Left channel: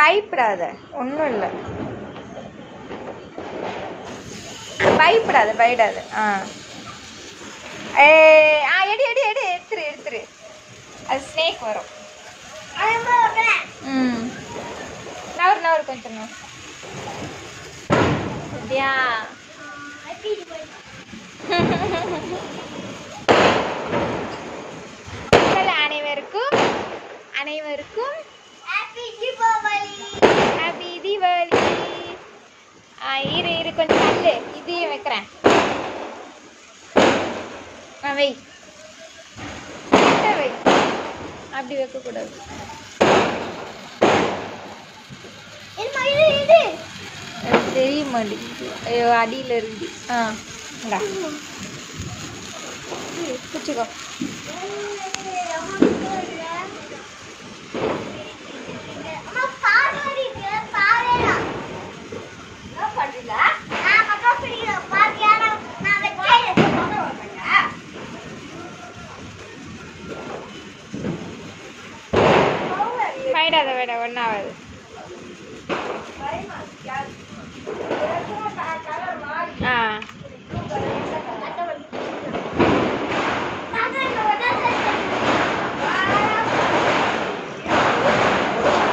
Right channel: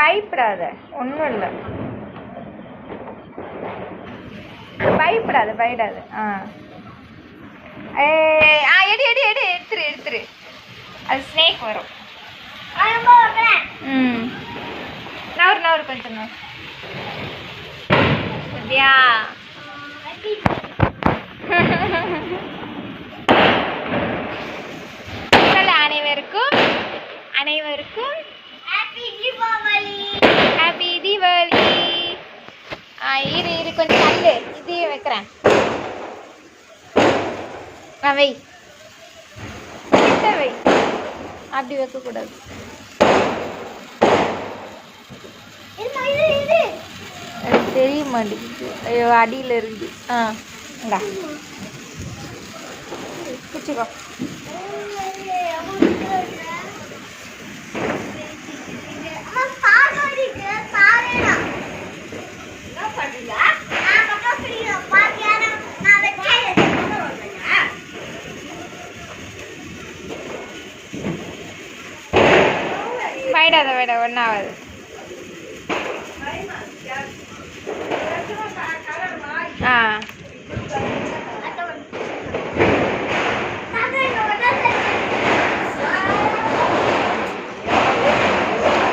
பயப்படாத, ஒன்றும் இல்லை. பயப்படாத பயப்படாத. எடு எடு எடு எடுத்துரு எடுத்துரு. அது ஸ்னேக் வரும். நவரு கொஞ்சம் நவரு. அப்படியா? அனைவருக்கும் அனைவருக்கும் ஹாப்பி தீபாவளி. இரு இரு கொஞ்சம் தள்ளு, இதையும் வைக்கிறேன். வை வை, அப்படி வைக்கக்கூடாது. தெரிய மாட்டேங்குது. ஐயோ அடியில் இருக்குது. இந்தா பிடிச்சிக்கோ. பயடாத ஒன்றாவது.